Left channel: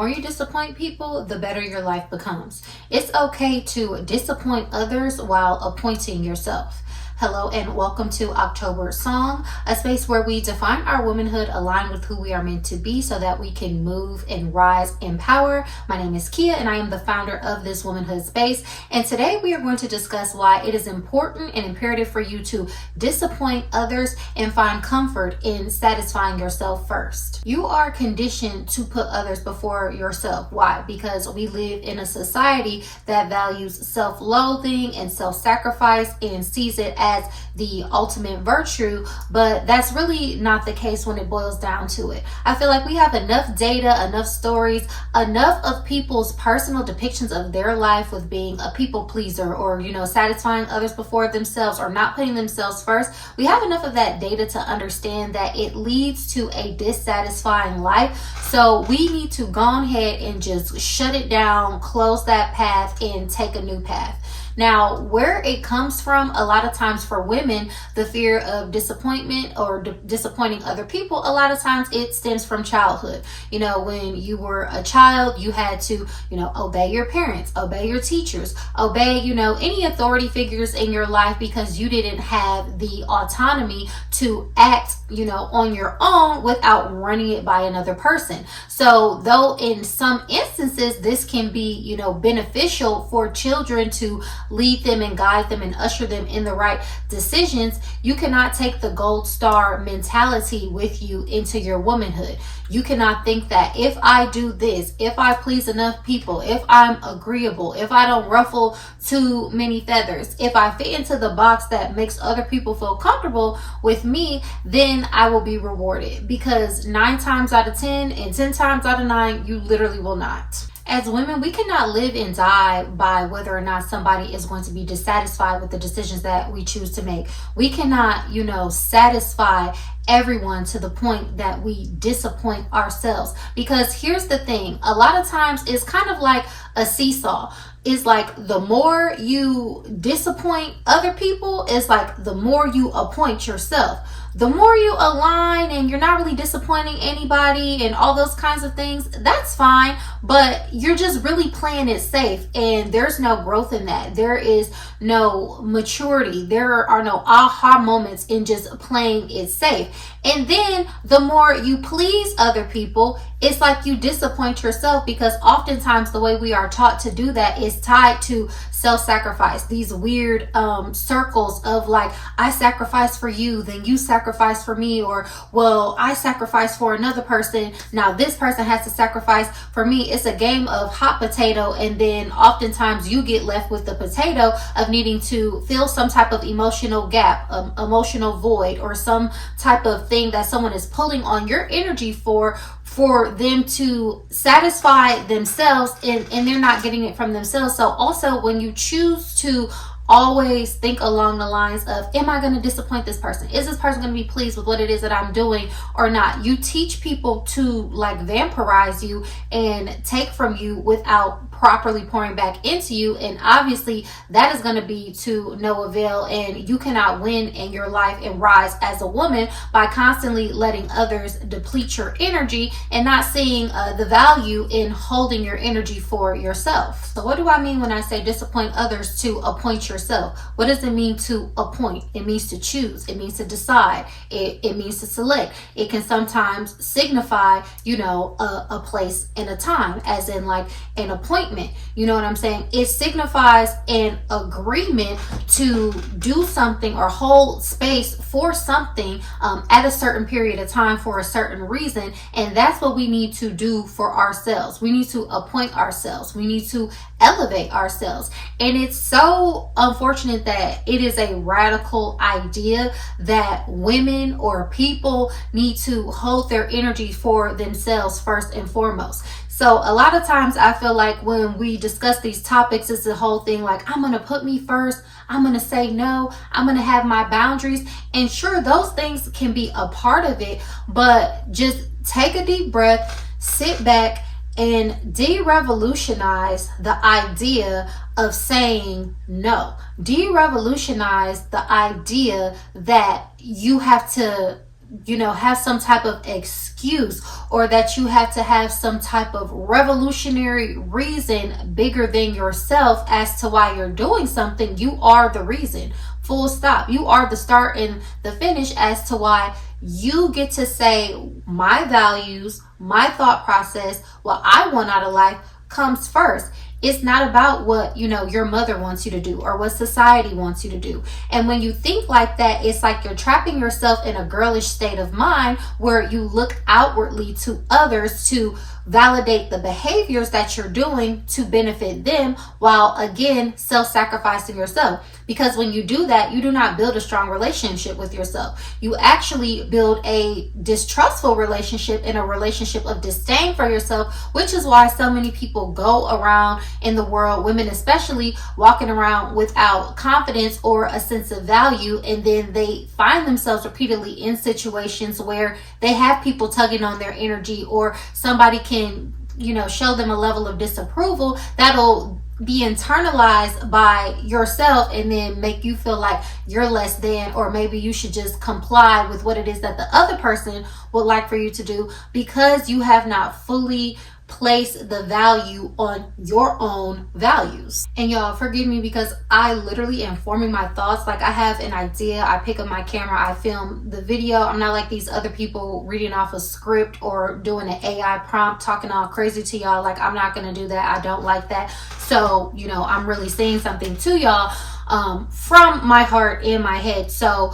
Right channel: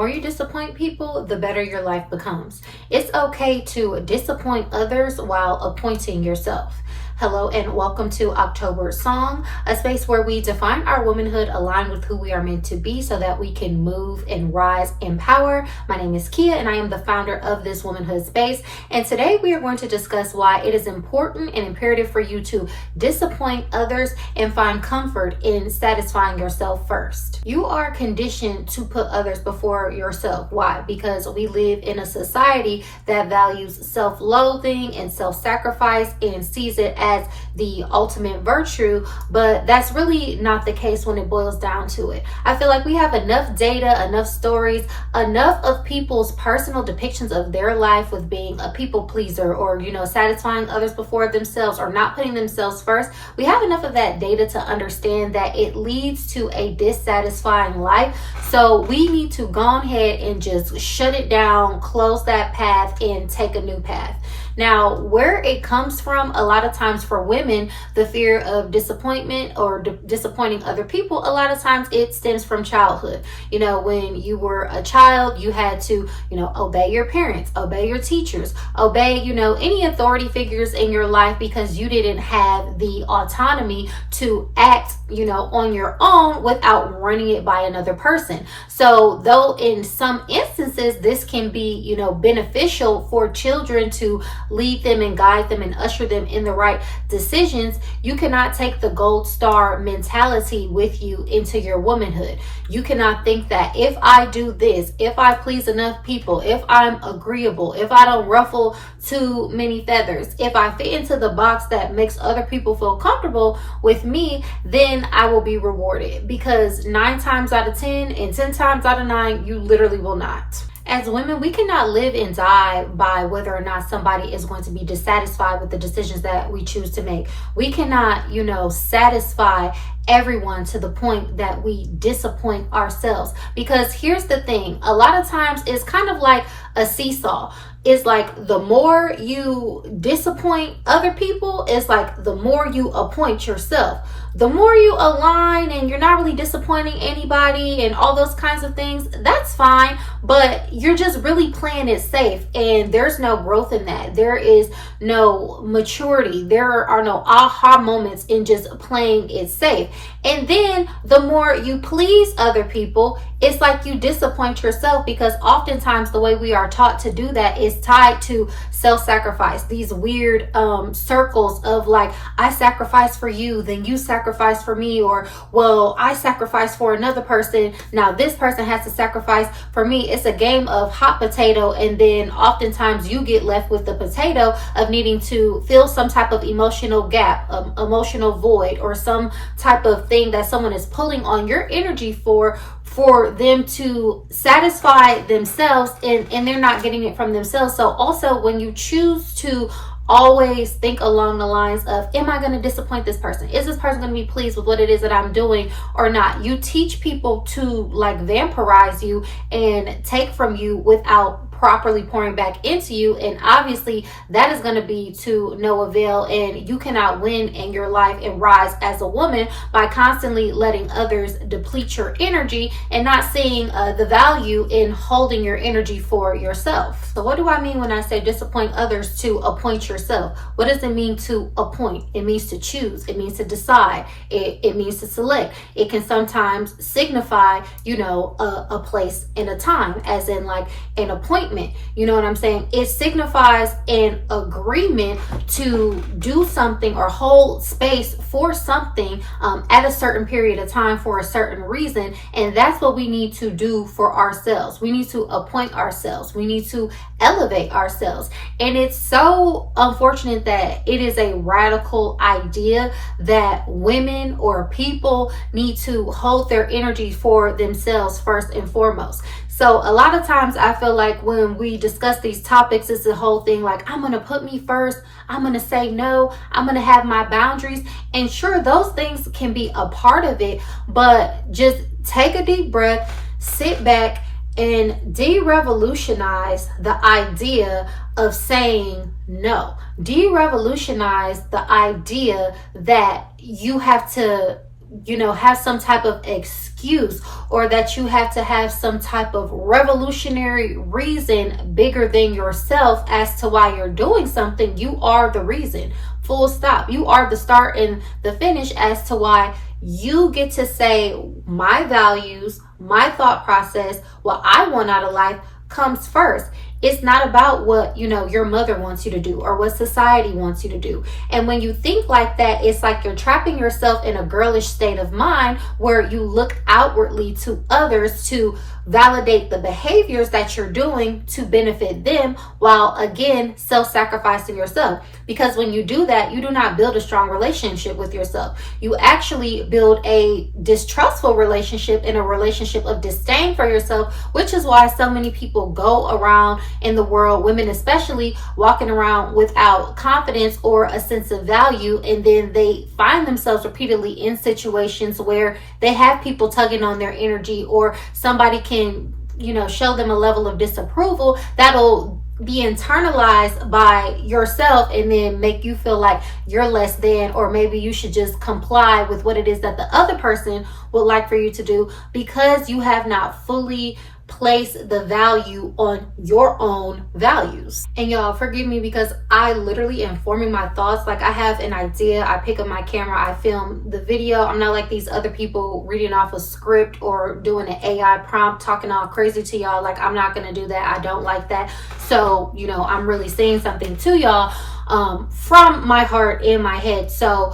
more you disappoint people, the better your life becomes. It's okay to disappoint others while appointing yourself. Hello and welcome to October Song, a space where we define our womanhood aligned with who we are meant to be so that we can move and rise in power. My name is Kia and I am the founder of this womanhood space. And today we are going to discuss why it is important and imperative for you to disappoint others and find comfort in satisfying yourself first. You are conditioned to put others before yourself. Why? Because we live in a society that values self-loathing and self-sacrifice and sees it as the ultimate virtue, but that's really not the case when it boils down to it. I feel like we have enough data, enough stories, enough of people's personal depictions of their life with being a people pleaser or, satisfying others before themselves or not putting themselves first. We have enough of that data to understand that it leads to a dissatisfying life. So we need to go ahead and just shut it down, close that path, and take a new path. Now, where it comes from, a lot of times for women, the fear of disappointment or disappointing other people, a lot of times it stems from childhood. When you were a child, you had to, obey your parents, obey your teachers, obey, any authority figures in your life because you didn't have the autonomy to act, on your own without running it by another person. So though in some instances, this can be, beneficial for children to lead them and guide them and usher them in the right decisions, you cannot take the gold star mentality with you into your womanhood. You cannot think that if I do this, if I please enough people, if I'm agreeable, if I don't ruffle too many feathers, if I fit into the box that makes other people feel comfortable with me, then I will be rewarded. Because 9 times out of 10 and 10 times out of 9, you literally will not. As women, we cannot live and die by whether or not somebody is going to be dissatisfied with the decisions that we choose to make. We cannot, satisfy everyone to the point that we disappoint ourselves. Because here's the thing, a lot of times it's kind of like a seesaw. It's like the more you disappoint other people, it's like the more you appoint yourself. The more you align and you're not really disappointing anybody and all those kinds of things, that's fine, but you're just really playing it safe and there's no growth in that. There is no maturity. There are no aha moments in just playing it safe. And then the more you please other people, it's like you disappoint yourself because oftentimes the way we are taught to do that is tied to self-sacrifice. These weird circles of like, I sacrifice for you, then you sacrifice for me, or well, I sacrifice for another person, now this person has to sacrifice for me. It's a game of hot potato, and then oftentimes you get left with the potato of needing to fill some type of emotional gap, emotional void, or some type of thing that someone is pulling on your energy for them to satisfy themselves, and they're not getting it from themselves. So also when you choose to always think along the lines of, am I going to disappoint this person? Is this person going to be pleased with what it is that I'm doing or not? You teach people to like vampirize you and take from you without properly pouring back into you, and obviously that is going to be to no avail, and you cannot win in your life and rise as a woman by constantly letting others deplete your energy and not seeing the value in holding your energy for yourself. So what do I mean when I say disappoint others to appoint yourself? What does it mean to appoint? It means to choose. It means to decide. It means to select. It can sometimes signify, a place and a time, as in like an appointment. You know what I'm saying? It signifies an agreement to do something or hold space for something at a certain period of time for a certain reason. And that's what we need to do for ourselves. We need to appoint ourselves. We need to elevate ourselves. And it's so unfortunate that it is a radical idea that women or people need to hold their energy for themselves first and foremost. So a lot of times I feel like when we discuss these topics, it's the whole thing like, I'm going to put me first. I'm going to say no. I'm going to have my boundaries. And sure, those things can be a part of it, but just take a deep breath, sit back, and de-revolutionize the idea of saying no. De-revolutionize the idea that you have to have some type of excuse, or that you have to have some type of revolutionary reason bigger than yourself as to why you're doing something. You are the reason. Full stop. You are the start and the finish as to why you get to say my values, my thought process, what I want out of life comes first. It's not about what, your mother wants you to do or what society wants you to do. And when you think like that, it's like you're trapping yourself in a girlish state of mind where you look outwardly to others to validate the behaviors that you're doing to benefit them, while again, self-sacrificing yourself. Because when you do that, you do not build a strong relationship with yourself. You actually build a distrustful relationship and a relationship of disdain for yourself, which is why so many people go around in the world, women especially, walking around without confidence or a sense of value, and then they find themselves repeatedly in situations where they have people tugging on their energy, or somebody can show them a level of disapproval that'll be internalized by yourself and then make you feel like you're less than, or maybe you should just comply with what it is that the other person would like for you to do, because you have not fully place the value on your own values. And y'all, forgive me because I literally am forming my thoughts. Like, I have an idea, I pick up my camera, I film the video. I'm not like these other people reading off a script or doing an AI prompt talking all crazy to y'all. Like, I'm not gonna do that. I don't like that. So I'm really saying something to y'all from my heart and my head. So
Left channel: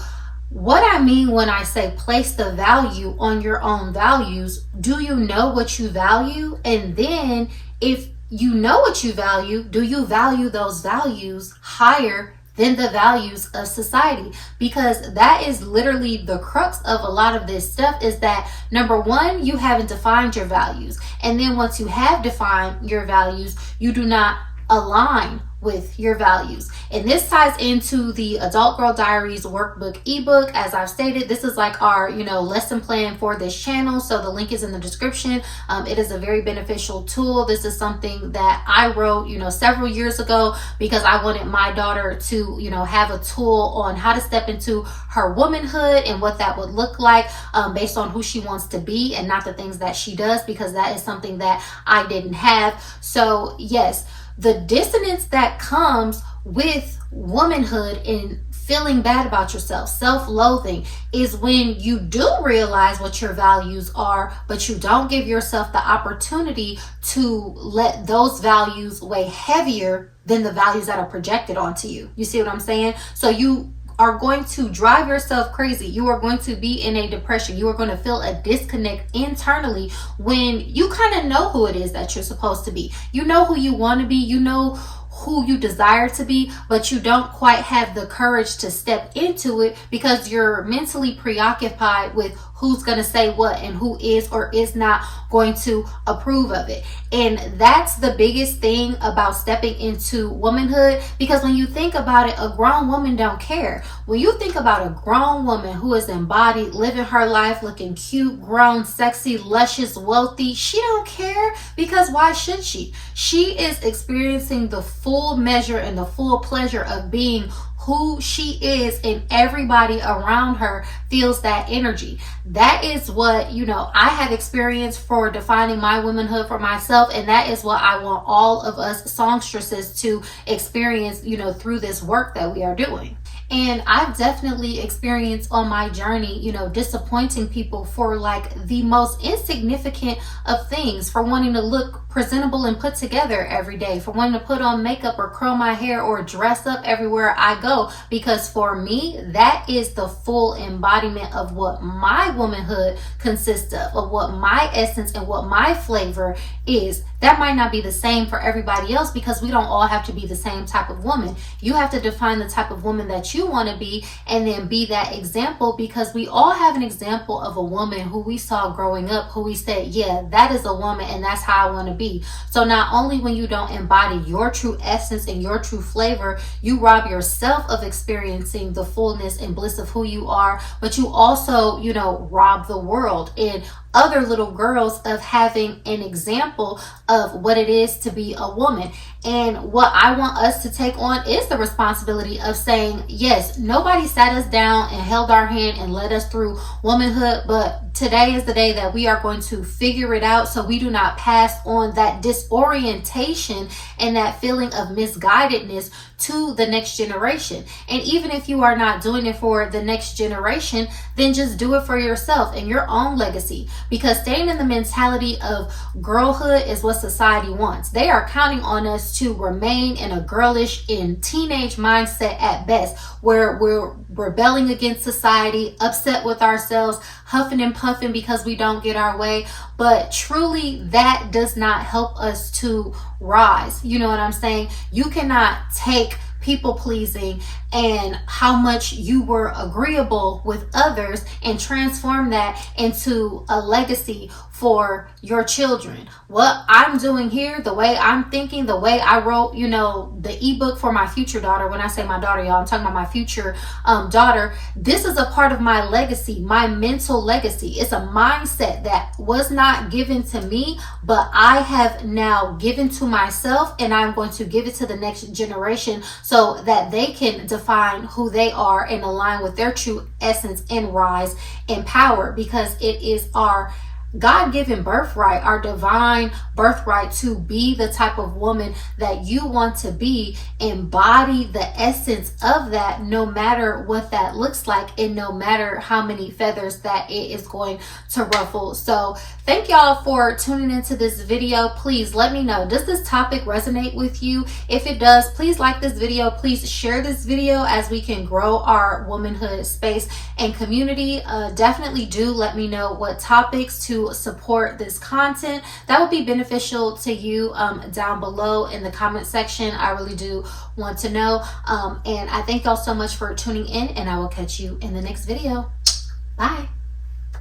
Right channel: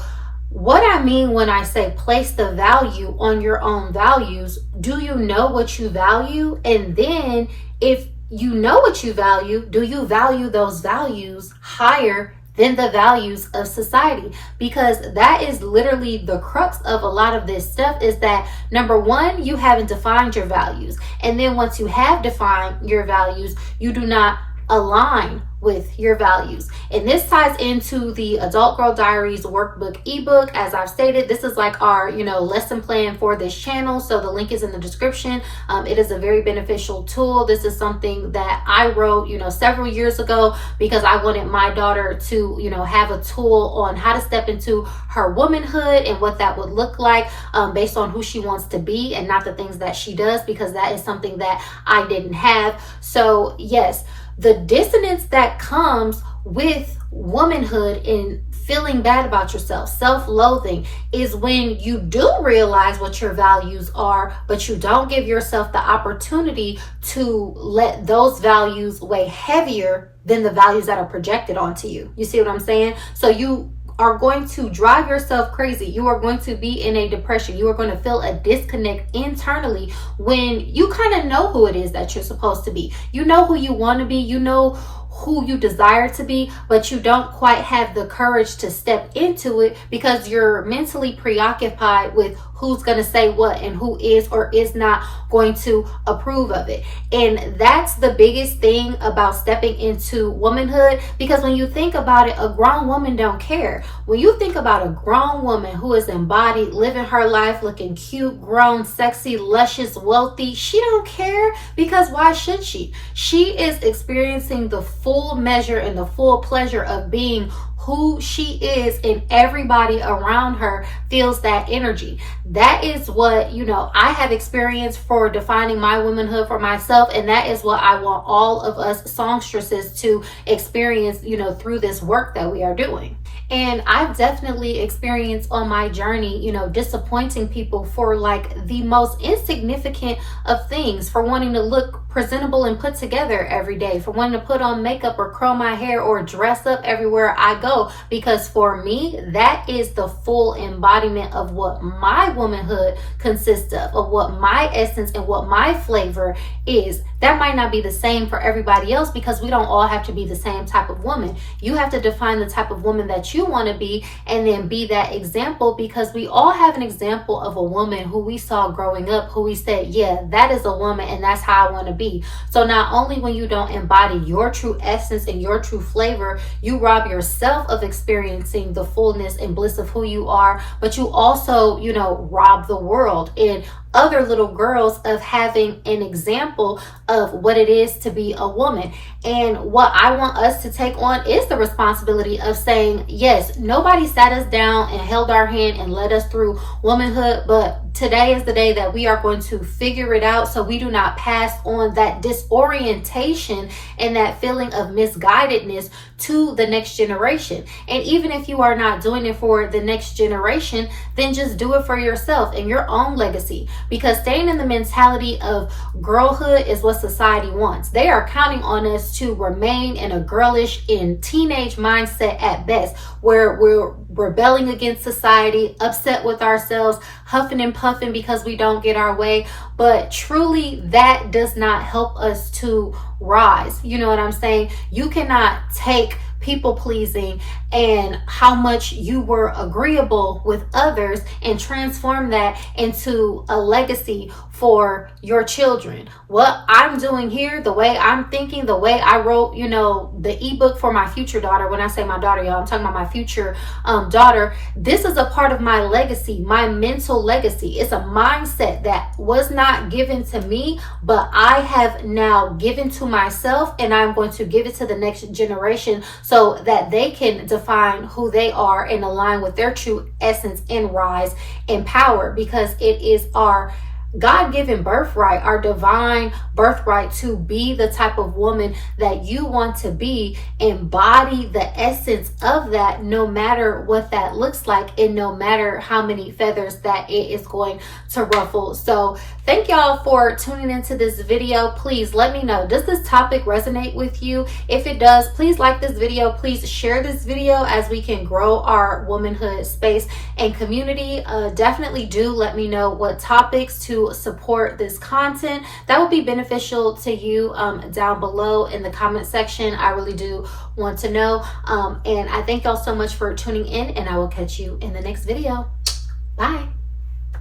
what I mean when I say place the value on your own values, do you know what you value? And then if you know what you value, do you value those values higher than the values of society? Because that is literally the crux of a lot of this stuff, is that number one, you haven't defined your values. And then once you have defined your values, you do not align with your values. And this ties into the Adult Girl Diaries workbook ebook. As I've stated, this is like our lesson plan for this channel, so the link is in the description. It is a very beneficial tool. This is something that I wrote several years ago because I wanted my daughter to have a tool on how to step into her womanhood and what that would look like based on who she wants to be and not the things that she does, because that is something that I didn't have. So yes, the dissonance that comes with womanhood and feeling bad about yourself, self-loathing, is when you do realize what your values are, but you don't give yourself the opportunity to let those values weigh heavier than the values that are projected onto you. You see what I'm saying? So you are going to drive yourself crazy. You are going to be in a depression. You are going to feel a disconnect internally when you kind of know who it is that you're supposed to be. You know who you want to be. You know who you desire to be, but you don't quite have the courage to step into it because you're mentally preoccupied with who's going to say what and who is or is not going to approve of it. And that's the biggest thing about stepping into womanhood, because when you think about it, a grown woman don't care. When you think about a grown woman who is embodied, living her life, looking cute, grown, sexy, luscious, wealthy, she don't care, because why should she? She is experiencing the full measure and the full pleasure of being who she is, and everybody around her feels that energy. That is what I have experienced for defining my womanhood for myself, and that is what I want all of us songstresses to experience through this work that we are doing. And I've definitely experienced on my journey disappointing people for like the most insignificant of things, for wanting to look presentable and put together every day, for wanting to put on makeup or curl my hair or dress up everywhere I go, because for me that is the full embodiment of what my womanhood consists of what my essence and what my flavor is. That might not be the same for everybody else, because we don't all have to be the same type of woman. You have to define the type of woman that you want to be and then be that example, because we all have an example of a woman who we saw growing up, who we said, yeah, that is a woman and that's how I want to be. So not only when you don't embody your true essence and your true flavor, you rob yourself of experiencing the fullness and bliss of who you are, but you also, rob the world and other little girls of having an example of what it is to be a woman. And what I want us to take on is the responsibility of saying, yeah, Yes, nobody sat us down and held our hand and led us through womanhood, but today is the day that we are going to figure it out so we do not pass on that disorientation and that feeling of misguidedness to the next generation. And even if you are not doing it for the next generation, then just do it for yourself and your own legacy, because staying in the mentality of girlhood is what society wants. They are counting on us to remain in a girlish and teenage mindset at best, where we're rebelling against society, upset with ourselves, huffing and puffing because we don't get our way. But truly, that does not help us to rise. You know what I'm saying? You cannot take people pleasing and how much you were agreeable with others and transform that into a legacy for your children. What I'm doing here, the way I'm thinking, the way I wrote, the ebook for my future daughter. When I say my daughter, y'all, I'm talking about my future daughter. This is a part of my legacy, my mental legacy. It's a mindset that was not given to me, but I have now given to myself, and I'm going to give it to the next generation so that they can define who they are and align with their true essence and rise in power, because it is our God-given birthright, our divine birthright, to be the type of woman that you want to be. Embody the essence of that, no matter what that looks like and no matter how many feathers that it is going to ruffle. So thank y'all for tuning into this video. Please let me know, does this topic resonate with you? If it does, please like this video. Please share this video as we can grow our womanhood space and community. Definitely do let me know what topics to support this content that would be beneficial to you down below in the comment section. I really do want to know. And I thank y'all so much for tuning in, and I will catch you in the next video. Bye.